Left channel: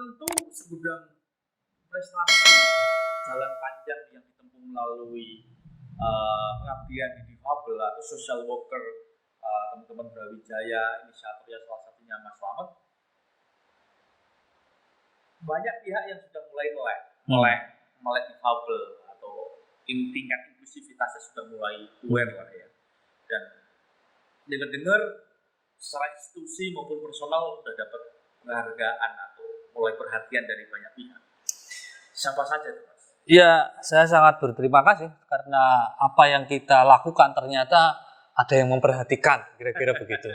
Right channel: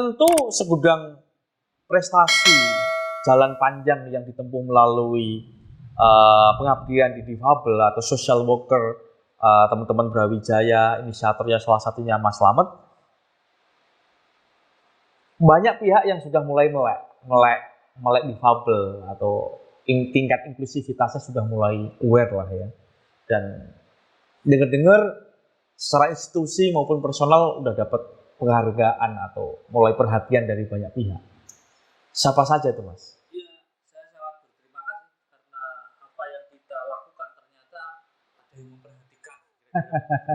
Tentu segudang prestasi, jalan panjang yang ditempuh melalui pengabdian di difabel atau social worker, teman-teman Brawijaya, inisiatornya salah satunya Mas Slamet. Banyak pihak yang sudah mulai melek difabel atau tingkat inklusivitasnya sudah mulai aware lah ya. Dan dengar-dengar secara institusi maupun personal udah dapat penghargaan atau mulai perhatian dari banyak pihak. Siapa saja itu, Mas? Ya, saya sangat berterima kasih karena apa yang kita lakukan ternyata ada yang memperhatikan, kira-kira begitu.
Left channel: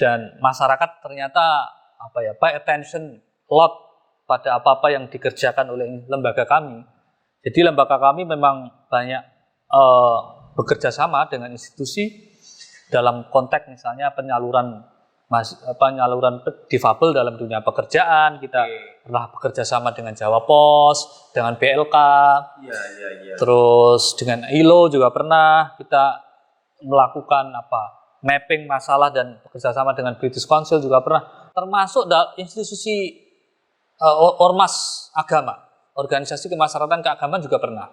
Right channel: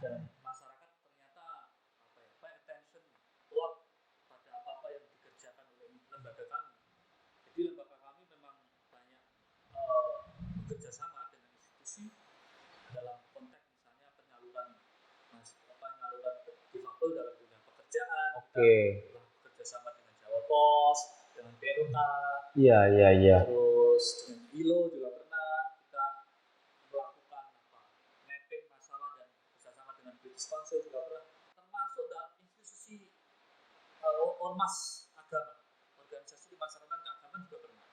Dan masyarakat ternyata pay attention a lot pada apa-apa yang dikerjakan oleh lembaga kami. Jadi lembaga kami memang banyak bekerja sama dengan institusi dalam konteks misalnya penyaluran difabel dalam dunia pekerjaan. Kita pernah bekerja sama dengan Jawa Pos, dengan BLK, terus dengan ILO juga pernah kita melakukan mapping masalah dan bekerja sama dengan British Council juga pernah, termasuk institusi ormas agama, organisasi kemasyarakatan keagamaan juga pernah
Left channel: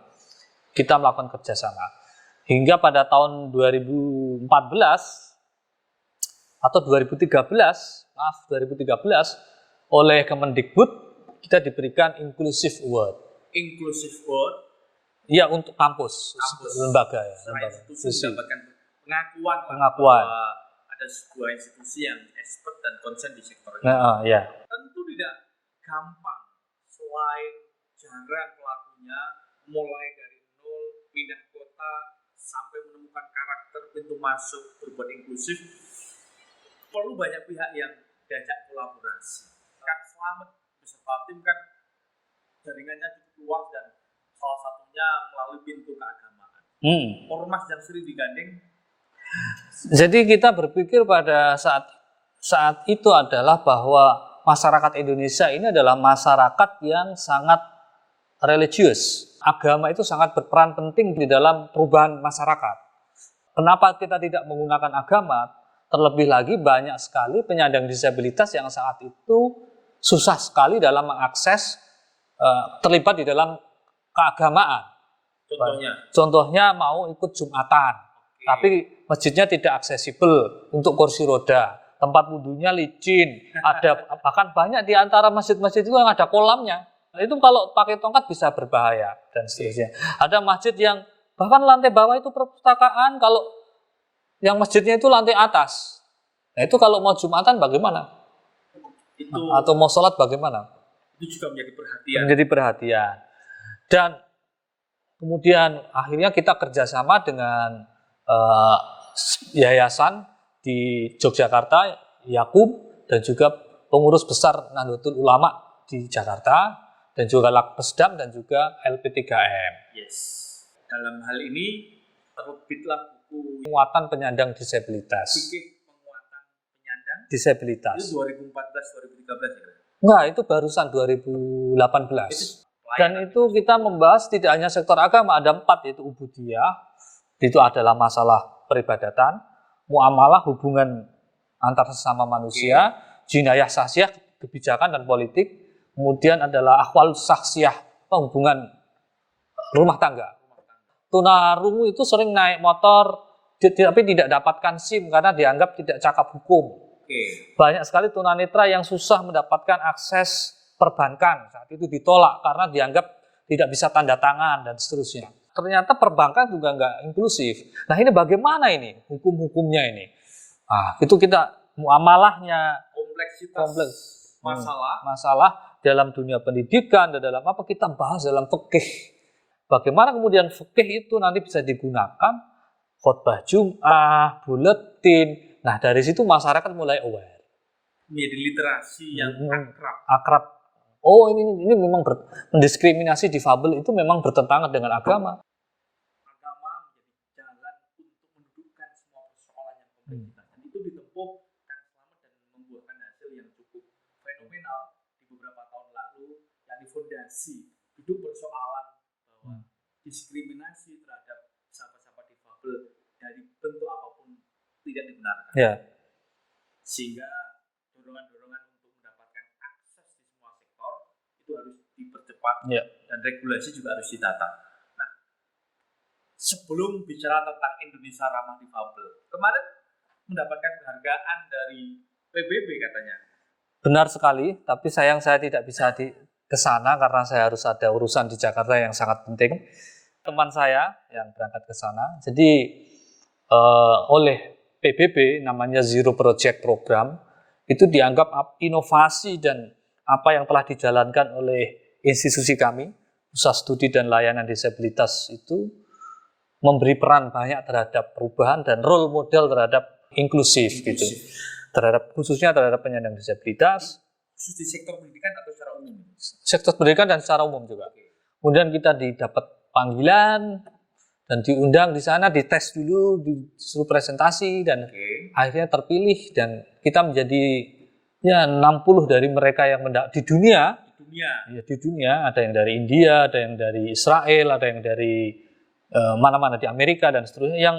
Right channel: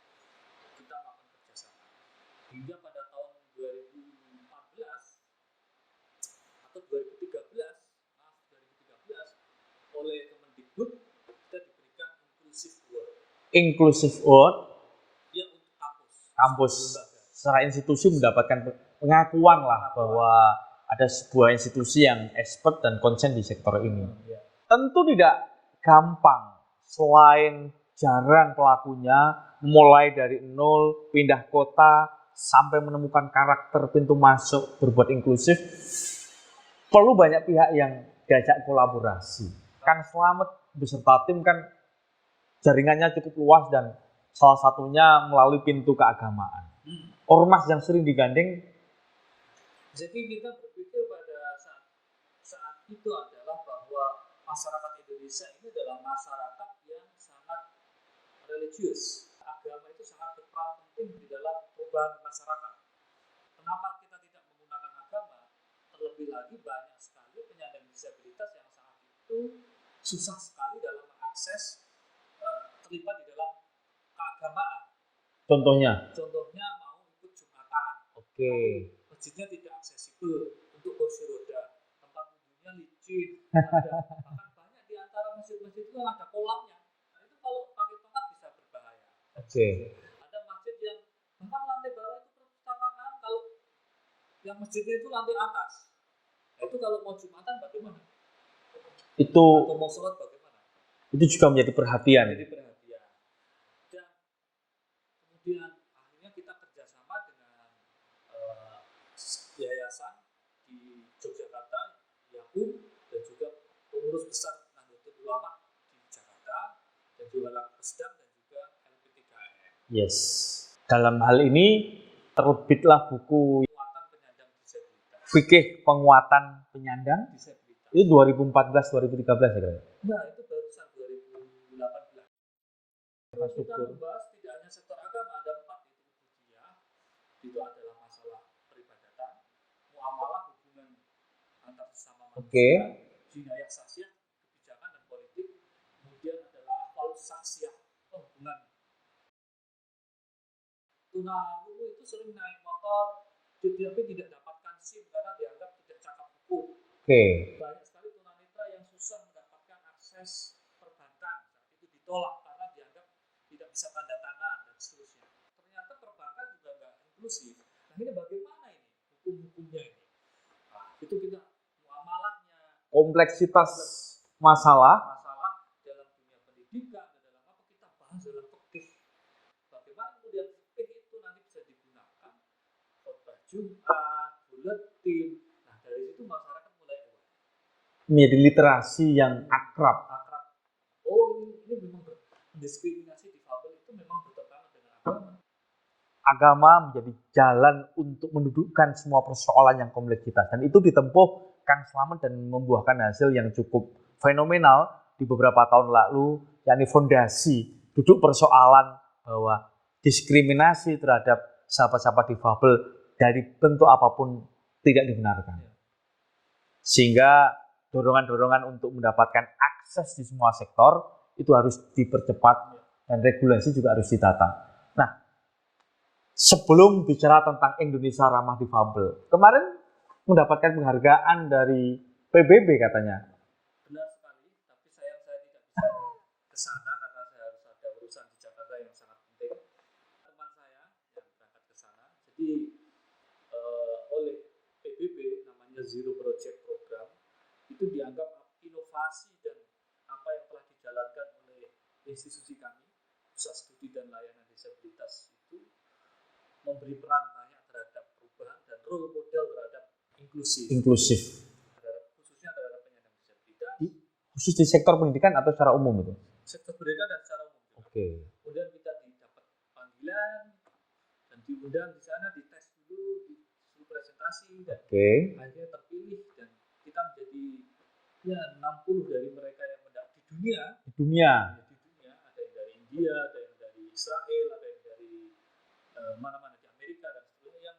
kita melakukan kerjasama. Hingga pada tahun 2014 atau 2013 oleh Kemendikbud kita diberikan Inclusive Award. Inclusive Award? Iya, untuk kampus lembaga ya. Secara institusi mendapatkan pengakuan bahwa ada sebuah institusi yang expert dan konsen di sektor ini. Ya. Tentu tidak gampang, selain jarang pelakunya, mulai dari nol, pindah kota, sampai menemukan karakter pintu masuk berbuat inklusif, perlu banyak pihak yang diajak kolaborasi. Kang Slamet beserta tim kan jaringannya cukup luas dan salah satunya melalui pintu keagamaan. Ormas yang sering digandeng. Jadi kita berpikir pada saat itu adalah bahwa masyarakat Indonesia ini adalah masyarakat yang sangat religius. Agama itu sangat berperan penting di dalam perubahan masyarakat. Kenapa kita tidak menggunakan agama? Terlebih lagi banyak sekali penyandang disabilitas yang saat itu susah sekali dalam mengakses, terlibat di dalam keagamaan. Contohnya mau ikut Jumatan, tapi masjidnya tidak aksesibel untuk kursi roda, tempat wudhunya licin, ada bahkan banyak di antara masjid-masjid itu yang ada kolamnya. Itu kalau pakai tongkat bisa berbahaya dan seterusnya. Ada masjid yang bahkan lantai bawah itu perpustakaan, kalau yang masjidnya itu lantai atas. Nah itu kalau mau Jumatan bagaimana? Atau mau sholat bagaimana? Itu juga menjadi perhatian. Dan kemudian akhirnya kita kerjasama dengan yayasan di Yogyakarta, Yakub, dan juga pengurus besar Nahdlatul Ulama di Jakarta, dan juga Lakpesdam dan juga LP3M. Yes. Dalam hal ini terbitlah buku Penguatan Penyandang Disabilitas. Fikih Penguatan Penyandang Disabilitas. Itu 2014-2013 ya kira-kira? Enggak, itu barusan 2018. Dan itu kita membahas tidak hanya sektor agama, ada 4, yaitu ubudiyah, itu adalah masalah peribadatan, muamalah hubungan antar sesama manusia, jinayah sahsiah, kebijakan dan politik, kemudian adalah akhwal sahsiah, hubungan rumah tangga. Tunarungu itu sering naik motor tapi tidak dapatkan SIM karena dianggap tidak cakap hukum. Banyak sekali tunanetra yang susah mendapatkan akses perbankan, saat itu ditolak karena dianggap tidak bisa tanda tangan dan seterusnya. Ternyata perbankan juga nggak inklusif. Nah ini bagaimana ini hukum-hukumnya ini? Itu kita muamalahnya, kompleksitas masalah dalam dunia pendidikan dan dalam apa kita bahas dalam fikih. Bagaimana kemudian fikih itu nanti bisa digunakan khotbah Jum'ah, buletin. Nah dari situ masyarakat mulai aware. Menjadi literasi yang akrab. Oh ini memang mendiskriminasi difabel itu memang bertentangan dengan agama. Agama menjadi jalan untuk mendudukkan semua persoalan yang kompleksitas. Dan itu ditempuh Kang Slamet dan membuahkan hasil yang cukup fenomenal di beberapa tahun lalu, yakni fondasi duduk persoalan bahwa diskriminasi terhadap sahabat-sahabat difabel dari bentuk apapun tidak dibenarkan. Sehingga dorongan-dorongan untuk mendapatkan akses akses di semua sektor itu harus dipercepat Ya. dan regulasi juga harus ditata. Nah, sebelum bicara tentang Indonesia ramah difabel, kemarin mendapatkan penghargaan dari PBB katanya. Benar sekali, tapi sayang saya tidak bisa ke sana karena saya harus ada urusan di Jakarta yang sangat penting. Teman saya yang berangkat ke sana, jadi oleh PBB namanya Zero Project Program, itu dianggap inovasi dan apa yang telah dijalankan oleh institusi kami, Pusat Studi dan Layanan Disabilitas itu memberi peran banyak terhadap perubahan dan role model terhadap inklusif. Gitu. Khususnya terhadap penyandang disabilitas. Khusus di sektor pendidikan atau secara umum itu? Sektor pendidikan dan secara umum juga. Kemudian kita didapat panggilan dan diundang di sana, dites dulu, disuruh presentasi dan akhirnya terpilih dan kita menjadi 60 dari mereka yang di dunia. Di dunia ada yang dari India, ada yang dari Israel, ada yang dari mana-mana di Amerika dan seterusnya yang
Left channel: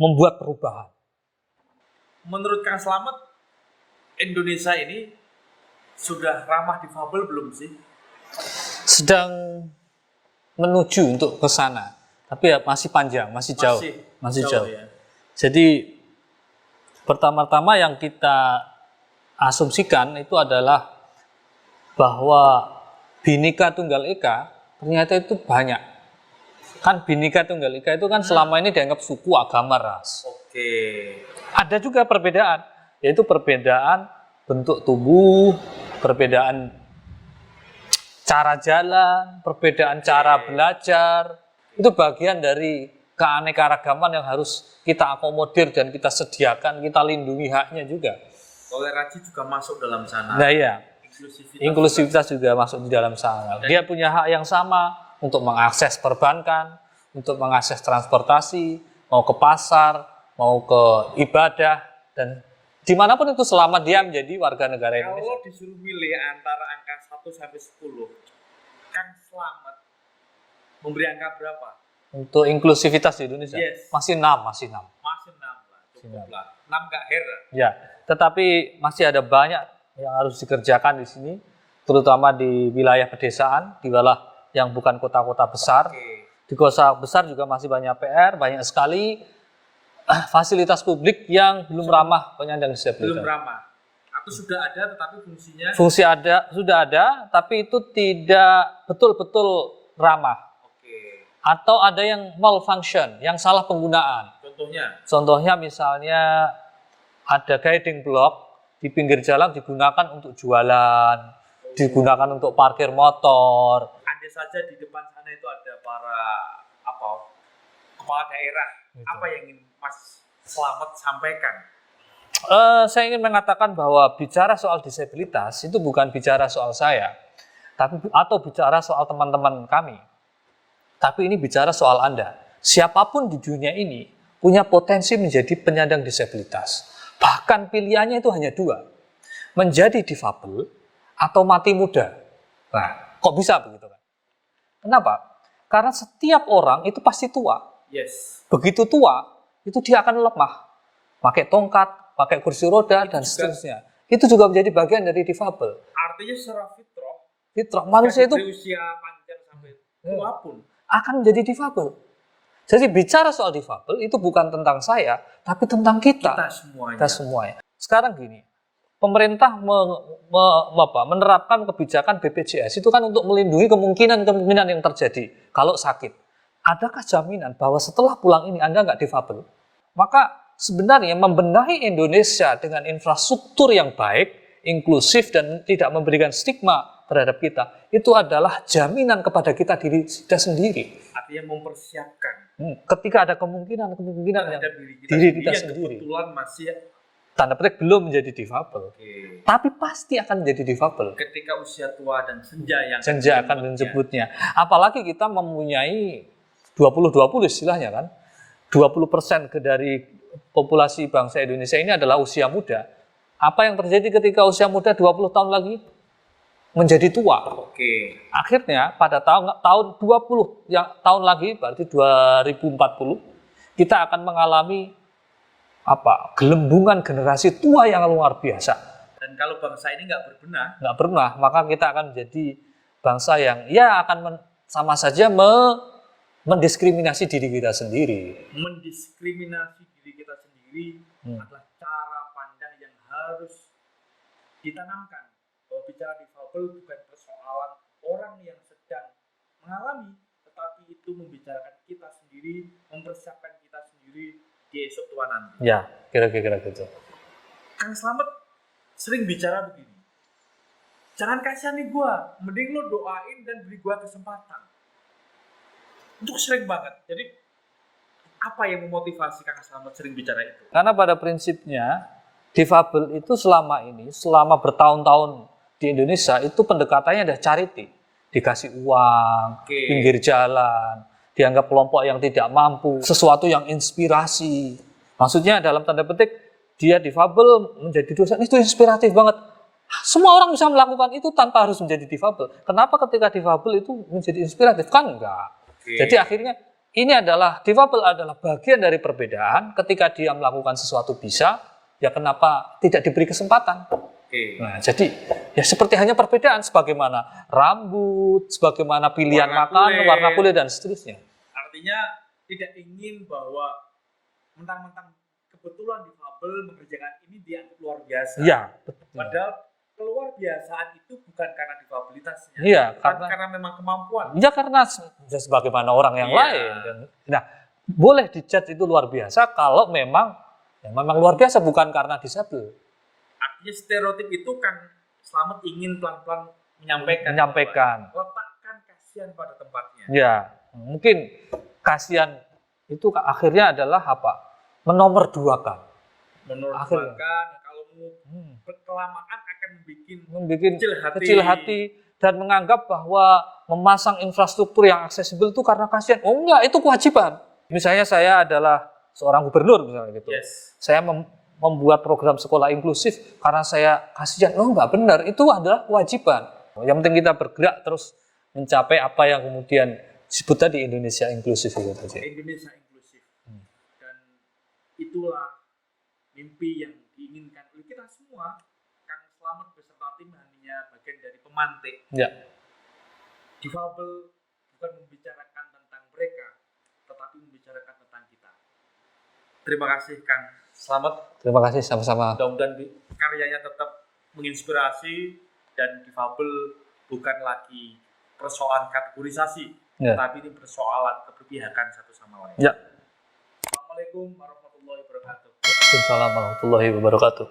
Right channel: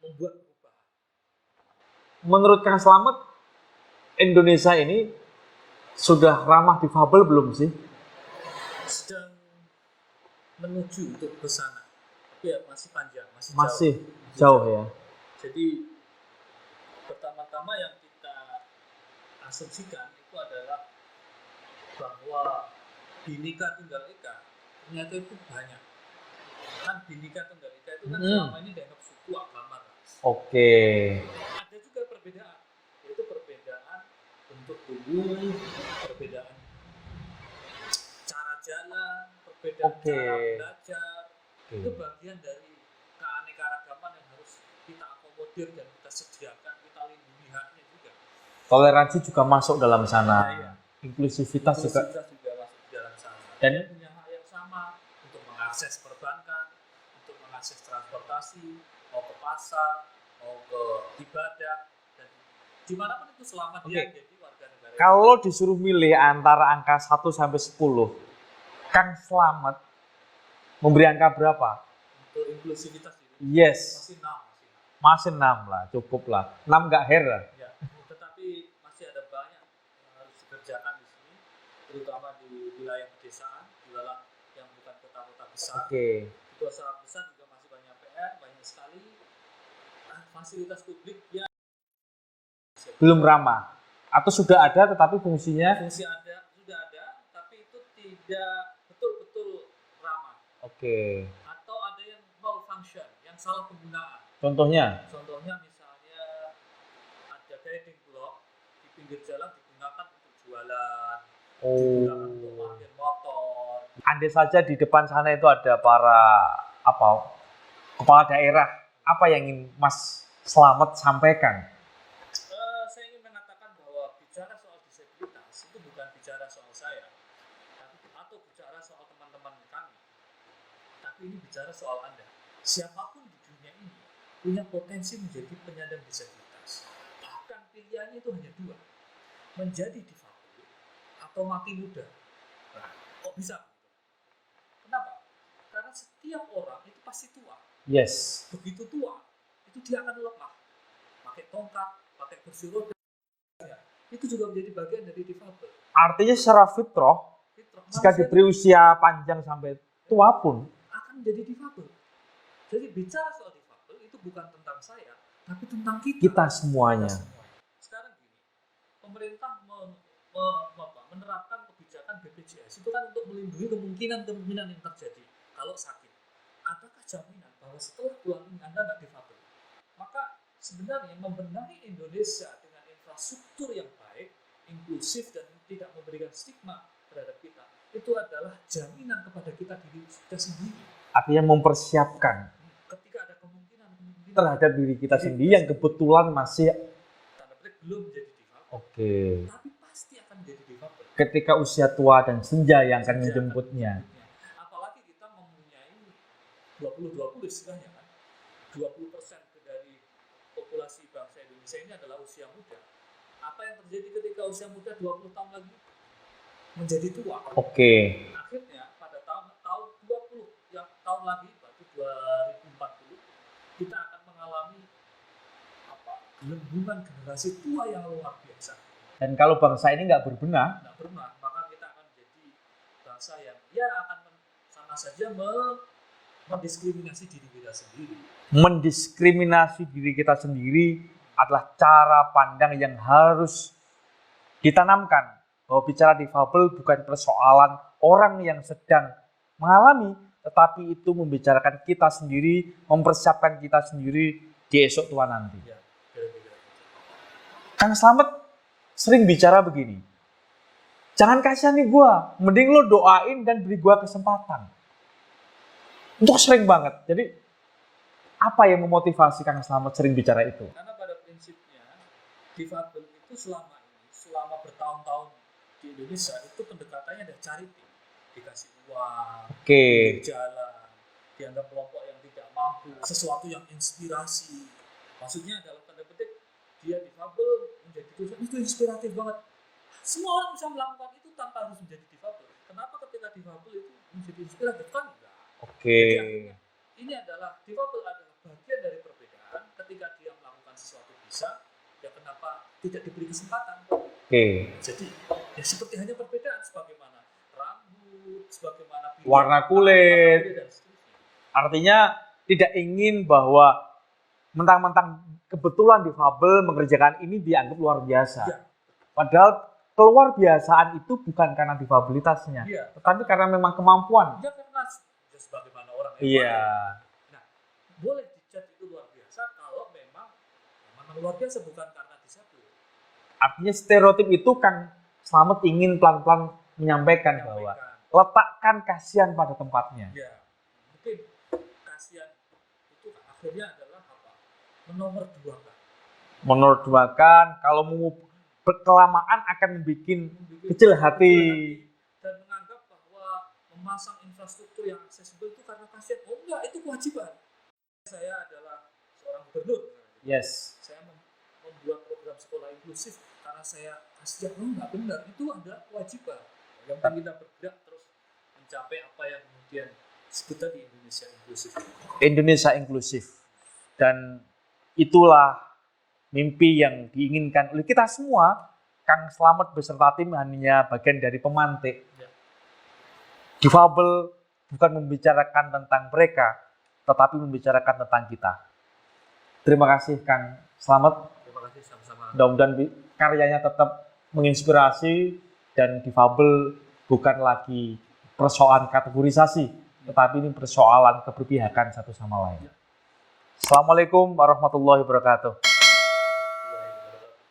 membuat perubahan. Menurut Kang Slamet, Indonesia ini sudah ramah difabel belum sih? Sedang menuju untuk ke sana, tapi ya masih panjang, masih jauh. Ya. Jadi pertama-tama yang kita asumsikan itu adalah bahwa Bhinneka Tunggal Ika ternyata itu banyak. Kan Bhinneka Tunggal Ika itu kan selama ini dianggap suku, agama, ras. Ada juga perbedaan, yaitu perbedaan bentuk tubuh, perbedaan cara jalan, perbedaan cara belajar. Itu bagian dari keanekaragaman yang harus kita akomodir dan kita sediakan, kita lindungi haknya juga. Toleransi juga masuk dalam sana. Nah iya, inklusivitas juga masuk di dalam sana. Dan dia punya hak yang sama untuk mengakses perbankan, untuk mengakses transportasi, mau ke pasar, mau ke ibadah, dan dimanapun itu selama dia menjadi warga negara Indonesia. Kalau disuruh milih antara angka 1 sampai 10, Kang Slamet memberi angka berapa? Untuk inklusivitas di Indonesia? Yes. Masih 6. Masih 6 lah, cukup lah. 6 nggak her lah. Ya, tetapi masih ada banyak yang harus dikerjakan di sini, terutama di wilayah pedesaan, di wilayah yang bukan kota-kota besar. Di kota besar juga masih banyak PR, banyak sekali fasilitas publik yang belum ramah penyandang disabilitas. Belum ramah. Atau sudah ada tetapi fungsinya? Sudah ada, tapi itu tidak betul-betul ramah. Atau ada yang malfunction, yang salah penggunaan. Contohnya misalnya ada guiding block di pinggir jalan digunakan untuk jualan, digunakan untuk parkir motor. Andai saja di depan sana itu ada para kepala daerah, apa yang ingin Mas Slamet sampaikan? Saya ingin mengatakan bahwa bicara soal disabilitas itu bukan bicara soal saya, atau bicara soal teman-teman kami. Tapi ini bicara soal Anda. Siapapun di dunia ini punya potensi menjadi penyandang disabilitas. Bahkan pilihannya itu hanya 2. Menjadi difabel atau mati muda. Nah, kok bisa begitu kan? Kenapa? Karena setiap orang itu pasti tua. Begitu tua, itu dia akan lemah. Pakai tongkat, pakai kursi roda, dan seterusnya. Itu juga menjadi bagian dari difabel. Artinya secara fitrah manusia itu usia panjang sampai tua pun akan menjadi difabel. Jadi bicara soal difabel itu bukan tentang saya, tapi tentang kita semuanya. Sekarang gini, pemerintah menerapkan kebijakan BPJS itu kan untuk melindungi kemungkinan yang terjadi kalau sakit. Adakah jaminan bahwa setelah pulang ini Anda nggak difabel? Maka sebenarnya membenahi Indonesia dengan infrastruktur yang baik, inklusif, dan tidak memberikan stigma terhadap kita, itu adalah jaminan kepada diri kita sendiri. Artinya mempersiapkan. Ketika ada kemungkinan terhadap diri kita sendiri yang kebetulan masih tanda petik belum menjadi difabel. Tapi pasti akan menjadi difabel. Ketika usia tua dan senja yang akan menjemputnya. Apalagi kita mempunyai 20-20 istilahnya kan. 20% dari populasi bangsa Indonesia ini adalah usia muda. Apa yang terjadi ketika usia muda 20 tahun lagi? Menjadi tua. Akhirnya pada tahun 20 tahun lagi, berarti 2040, kita akan mengalami gelembungan generasi tua yang luar biasa. Dan kalau bangsa ini nggak berbenah, maka kita akan menjadi bangsa yang ya akan sama saja mendiskriminasi diri kita sendiri. mendiskriminasi diri kita sendiri adalah cara pandang yang harus ditanamkan. Bahwa bicara difabel bukan persoalan orang yang sedang mengalami, tetapi itu membicarakan kita sendiri, mempersiapkan kita sendiri di esok tua nanti. Ya, kira-kira gitu. Kang Slamet sering bicara begini, jangan kasihani gua, mending lo doain dan beri gua kesempatan. Untuk sering banget. Jadi apa yang memotivasi Kang Slamet sering bicara itu? Karena pada prinsipnya difabel itu selama bertahun-tahun di Indonesia itu pendekatannya adalah charity. Dikasih uang, pinggir jalan, dianggap kelompok yang tidak mampu, sesuatu yang inspirasi. Maksudnya dalam tanda petik dia difabel menjadi dosen itu inspiratif banget. Semua orang bisa melakukan itu tanpa harus menjadi difabel. Kenapa ketika difabel itu menjadi inspiratif? Kan enggak. Jadi akhirnya ini adalah difabel adalah bagian dari perbedaan. Ketika dia melakukan sesuatu bisa, ya kenapa tidak diberi kesempatan? Nah, jadi ya seperti hanya perbedaan sebagaimana rambut, sebagaimana pilihan warna kulit dan seterusnya. Artinya tidak ingin bahwa mentang-mentang kebetulan difabel mengerjakan ini dianggap luar biasa. Iya. Padahal keluar biasaan itu bukan karena difabilitasnya, tapi karena memang kemampuan. Ya karena sebagaimana orang yang lain. Nah, boleh dijat itu luar biasa kalau memang luar biasa bukan karena disabel. Artinya stereotip itu Kang Slamet ingin pelan-pelan menyampaikan. Letakkan kasihan pada tempatnya. Ya, mungkin kasihan itu akhirnya adalah apa? Menomorduakan. Kalau mau berkelamaan akan membuat kecil hati dan menganggap bahwa memasang infrastruktur yang aksesibel itu karena kasihan. Oh enggak, itu kewajiban. Misalnya saya adalah seorang gubernur misalnya gitu. Saya membuat program sekolah inklusif karena saya kasihan. Oh enggak benar, itu adalah kewajiban. Yang penting kita bergerak terus mencapai apa yang kemudian disebut tadi Indonesia inklusif gitu. Indonesia inklusif. Dan itulah mimpi yang diinginkan oleh kita semua. Kang Slamet beserta tim hanya bagian dari pemantik. Ya. Difabel bukan membicarakan tentang mereka, tetapi membicarakan tentang kita. Terima kasih Kang Slamet. Terima kasih sama-sama. Mudah-mudahan karyanya tetap menginspirasi dan difabel bukan lagi persoalan kategorisasi, tapi ini persoalan keberpihakan satu sama lain. Ya. Assalamualaikum warahmatullahi wabarakatuh. Waalaikumsalam warahmatullahi wabarakatuh.